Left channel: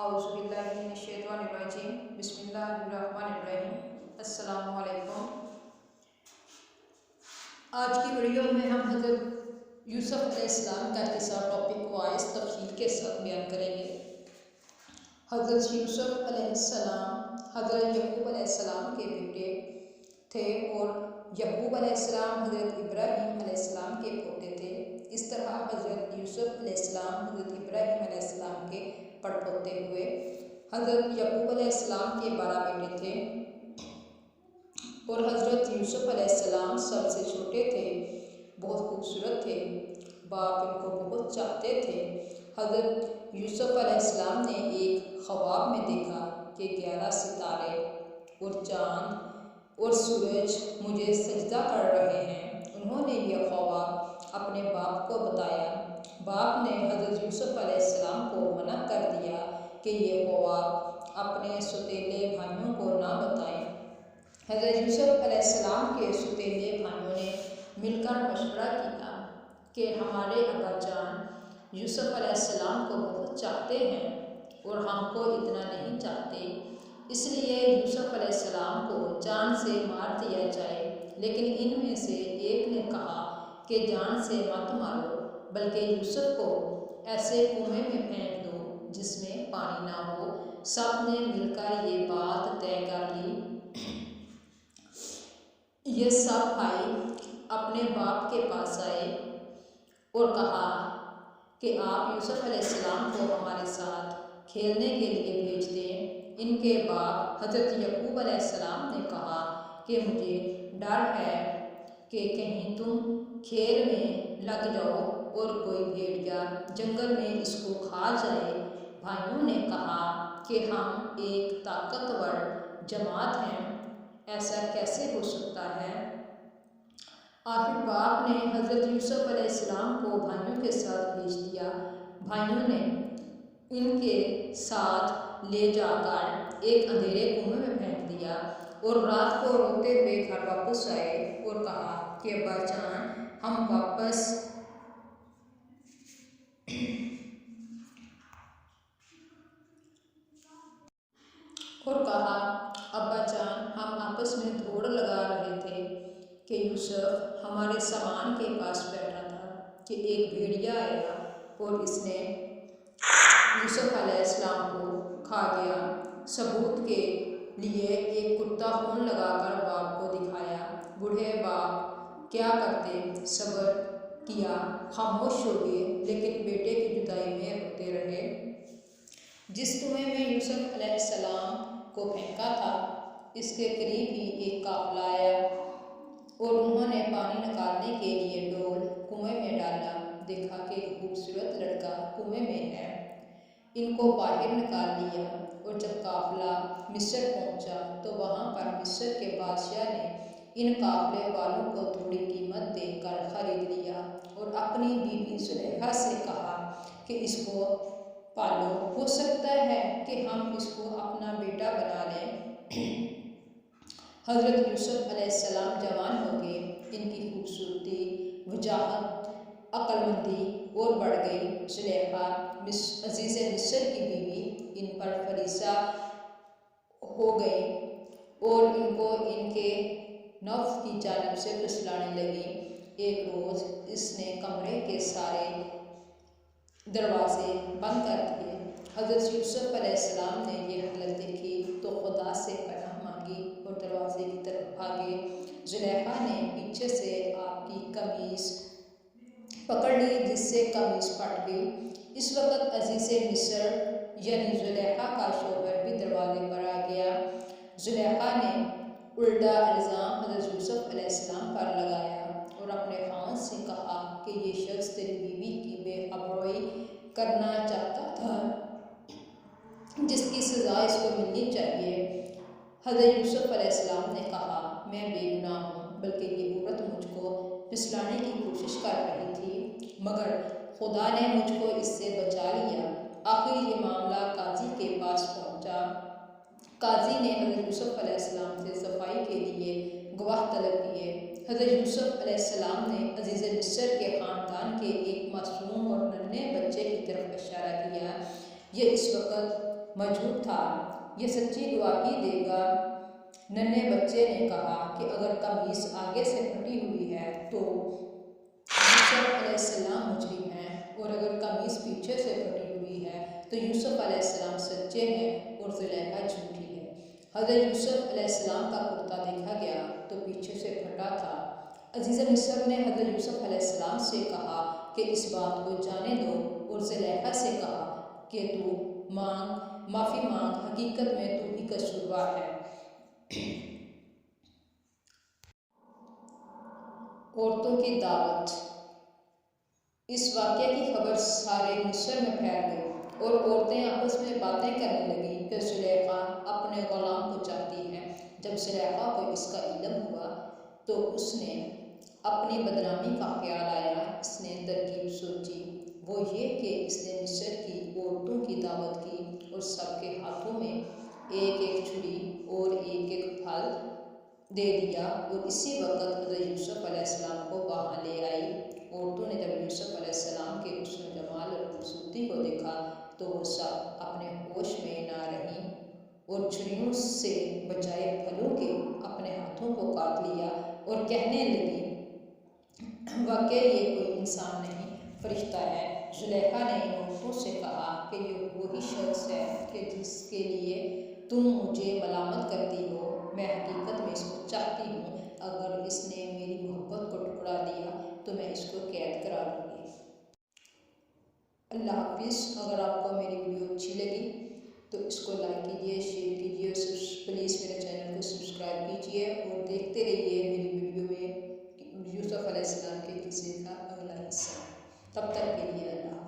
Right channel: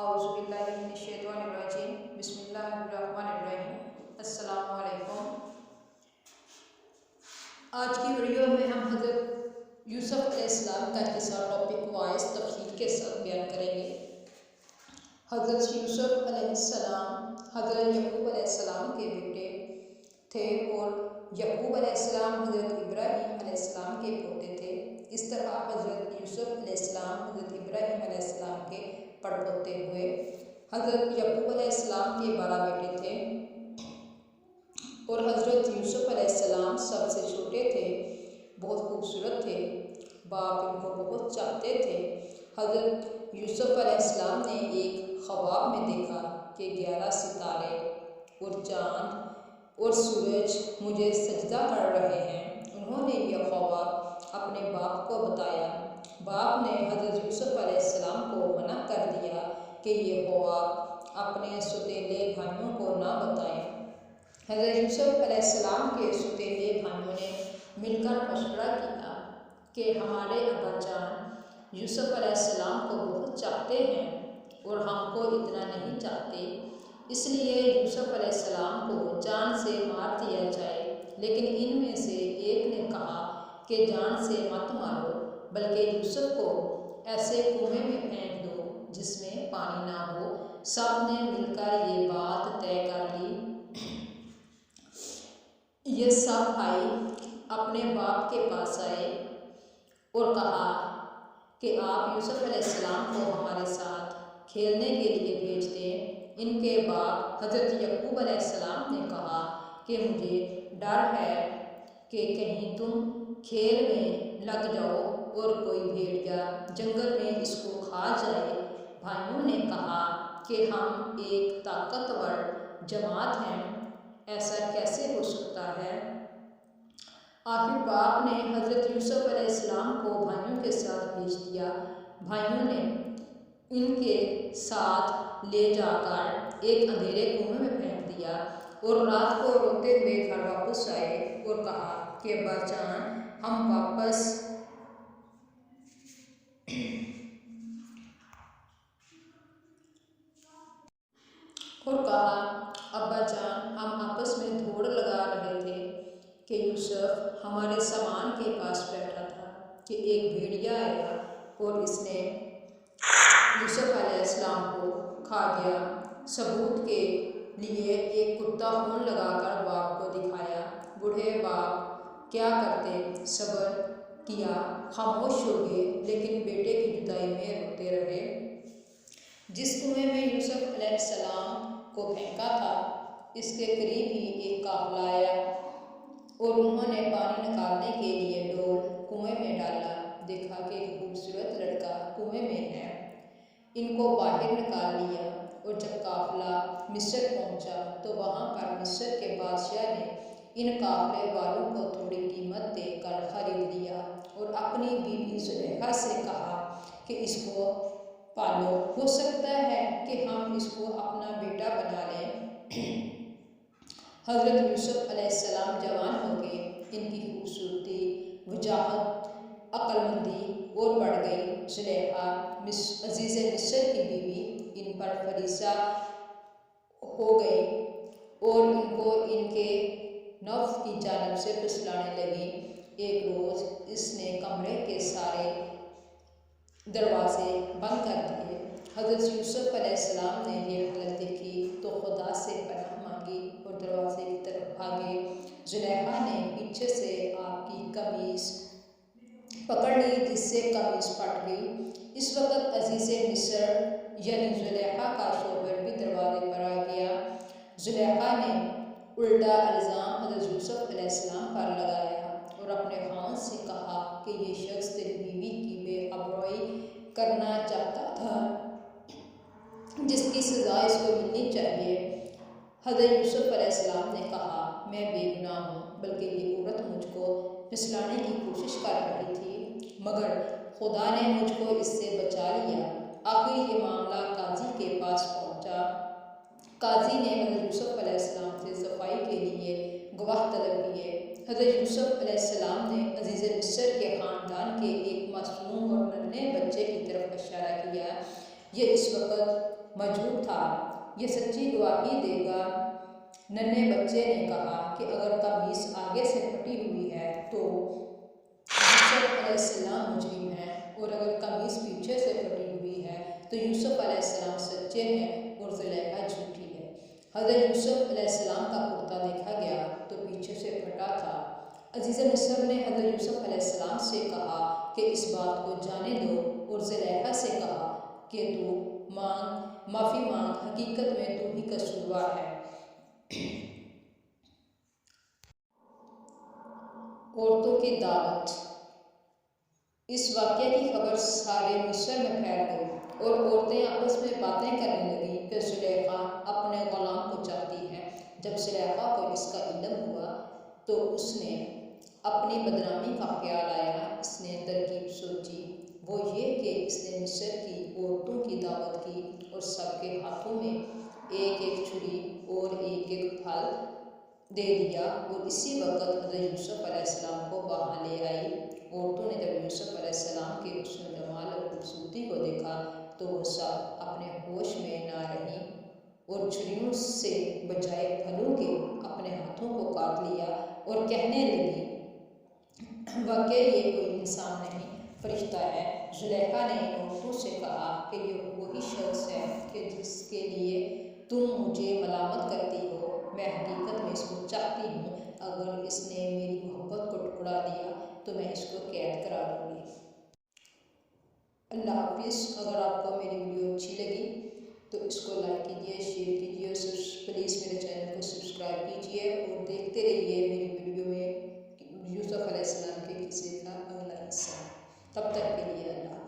اعوذ باللہ من الشیطان الرجیم بسم اللہ الرحمن الرحیم۔ السلام علیکم۔ آج کی ویڈیو میں ہم حضرت یوسف علیہ السلام کا قصہ ٹاپک وائز تفصیل کے ساتھ بیان کریں گے۔ حضرت یوسف علیہ السلام حضرت یعقوب علیہ السلام کے بیٹے تھے اور یعقوب علیہ السلام حضرت ابراہیم علیہ السلام کے پوتے تھے۔ اس طرح حضرت یوسف علیہ السلام حضرت ابراہیم علیہ السلام کے پڑپوتے ہوئے۔ حضرت یعقوب علیہ السلام کے 12 بیٹے تھے اور حضرت یوسف علیہ السلام سب سے چھوٹے تھے۔ بہت خوبصورت تھے، باپ ان کو بہت چاہتے تھے۔ حضرت یوسف علیہ السلام نے ایک خواب میں دیکھا کہ 11 ستارے اور چاند اور سورج مجھے سجدہ کر رہے ہیں۔ انہوں نے یہ خواب اپنے باپ کو بتایا۔ باپ نے حضرت یوسف علیہ السلام کو منع کر دیا کہ یہ خواب اپنے سوتیلے بھائیوں کو نہ بتائیں۔ حضرت یوسف علیہ السلام کے سوتیلے بھائیوں نے مل کر مشورہ کیا کہ ہمارے ابا جان یوسف علیہ السلام کو بہت چاہتے ہیں اور ہم کو اتنا نہیں چاہتے، اس لیے یوسف علیہ السلام کو جان سے مار دیا جائے۔ لیکن ان میں سے ایک نے کہا کہ جان سے مت مارو، بلکہ یوسف کو ایسے کنویں میں پھینک دو جس میں پانی نہ ہو۔ سب نے مل کر یہ بات طے کر لی۔ یہ سب بھائی اپنے باپ کے پاس آئے اور کہا کہ آپ یوسف علیہ السلام کو ہمارے ساتھ کھیلنے کے لیے بھیج دیں۔ ان کے باپ حضرت یعقوب علیہ السلام نے کہا کہ مجھے ڈر ہے کہ کہیں تم کھیل میں لگ جاؤ اور کوئی بھیڑیا جنگل میں اس کو کھا جائے۔ بھائیوں نے کہا کہ ہم ایک طاقتور جماعت ہیں، ایسا کیسے ہو سکتا ہے؟ آخر باپ نے حضرت یوسف علیہ السلام کو بھائیوں کے ساتھ بھیج دیا۔ بھائیوں نے ان کے ساتھ لے جا کر ایک اندھیرے کنویں میں پھینک دیا اور رات کو روتے ہوئے گھر واپس آئے اور کہا کہ ابا جان ہم واپس ابا جان ہم آپس میں دوڑ لگا رہے تھے کہ یوسف ہمارے سامان کے پاس بیٹھا تھا کہ ایک بھیڑیا آیا اور اس نے یوسف علیہ السلام کو کھا گیا۔ ثبوت کے لیے ایک کتا خون لگا کر باپ کو دکھایا۔ بوڑھے باپ کیا کرتے، صبر کیا، خاموش ہو گئے، لیکن بیٹے کی جدائی میں روتے رہے۔ جس کنویں میں یوسف علیہ السلام کو پھینکا تھا اس کے قریب ہی ایک قافلہ آیا اور انہوں نے پانی نکالنے کے لیے ڈول کنویں میں ڈالا۔ دیکھا کہ ایک خوبصورت لڑکا کنویں میں ہے، ان کو باہر نکال لیا۔ اور جب قافلہ مصر پہنچا تو وہاں پر مصر کے بادشاہ نے ان قافلے والوں کو تھوڑی قیمت دے کر خرید لیا اور اپنی بیوی زلیخا سے کہا کہ اس کو پالو، ہو سکتا ہے کہ ہم اس کو اپنا بیٹا بنا لیں۔ حضرت یوسف علیہ السلام جوان ہو گئے، ان کی خوبصورتی، وجاہت، عقل مندی اور بڑھ گئی۔ زلیخا عزیز مصر کی بیوی ان پر فریضہ ہو گئی اور ان کو ان کے نفس کی جانب سے پھسلانے لگی۔ ایک روز اس نے کمرے کے سارے دروازے بند کر دیے۔ حضرت یوسف علیہ السلام نے یہ حالت دیکھی تو خدا سے پناہ مانگی اور دروازے کی طرف بھاگے۔ زلیخا نے پیچھے سے آپ کی قمیض پکڑ لی جس سے قمیض پھٹ گئی۔ اس وقت عزیز مصر یعنی زلیخا کا شوہر بھی دروازے پر آ گیا۔ زلیخا نے الٹا الزام حضرت یوسف علیہ السلام پر لگایا اور اپنے خاوند سے کہا کہ یہ شخص تیری بیوی کی بے آبروئی کرنا چاہتا تھا، جس کی سزا اس کو ملنی چاہیے۔ حضرت یوسف علیہ السلام نے کہا میں بے گناہ ہوں، بلکہ یہ عورت مجھ کو پھسلانے کی کوشش کر رہی تھی، مگر خدا نے مجھ کو اس سے بچا لیا۔ آخر یہ معاملہ قاضی کے پاس پہنچا۔ قاضی نے حضرت یوسف علیہ السلام سے صفائی کے لیے گواہ طلب کیے۔ حضرت یوسف علیہ السلام نے عزیز مصر کے خاندان کے ایک معصوم اور ننھے بچے کی طرف اشارہ کیا۔ یہ اس وقت موجود تھا، یہ سچی گواہی دے گا۔ ننھے بچے نے کہا کہ اگر قمیص آگے سے پھٹی ہوئی ہے تو یوسف علیہ السلام مجرم ہیں، اور اگر قمیص پیچھے سے پھٹی ہوئی ہے تو یوسف علیہ السلام سچے ہیں اور زلیخا جھوٹی ہے۔ حضرت یوسف علیہ السلام کا کرتا دیکھا گیا تو پیچھے سے پھٹا تھا۔ عزیز مصر نے حضرت یوسف علیہ السلام سے کہا کہ اس بات کو جانے دو، اور زلیخا سے کہا کہ تو معافی مانگ، حقیقت میں تو ہی قصوروار ہے۔ عورتوں کی دعوت۔ اس واقعے کی خبر سارے مصر میں پھیل گئی اور عورتیں آپس میں باتیں کرنے لگیں کہ زلیخا اپنے غلام کو چاہتی ہے۔ جب زلیخا کو اس کا علم ہوا تو اس نے اپنی بدنامی کا خیال آیا۔ اس نے ترکیب سوچی، وہ یہ کہ اس نے مصر کی عورتوں کی دعوت کی اور سب کے ہاتھوں میں ایک ایک چھری اور ایک ایک پھل دے دیا، اور اسی وقت حضرت یوسف علیہ السلام کو وہاں لے آئی۔ عورتوں نے جب یوسف علیہ السلام کے حسن و جمال اور خوبصورتی کو دیکھا تو وہ سب اپنے ہوش میں نہ رہیں اور چھریوں سے بجائے پھلوں کے اپنے ہاتھوں کو کاٹ لیا اور کہنے لگی، واقعی یہ کوئی انسان نہیں، فرشتہ ہے۔ زلیخا نے ان عورتوں سے کہا کہ یہ وہی شخص ہے کہ جس کے لیے تم مجھے ملامت کرتی ہو، میں حقیقت میں اس کو چاہتی ہوں۔ اگر اس نے میری محبت کو ٹھکرا دیا تو میں اس کو قید کرا دوں گی۔ اللہ حافظ۔ اگر آپ کو میری ویڈیو اچھی لگی تو اس کو لائک کیجیے، شیئر کیجیے، پلیز میرے چینل کو سبسکرائب کیجیے اور دیکھتے رہیے میری ویڈیو میں یوسف علیہ السلام کے قصے کا اگلا حصہ۔ تب تک کے لیے اللہ حافظ۔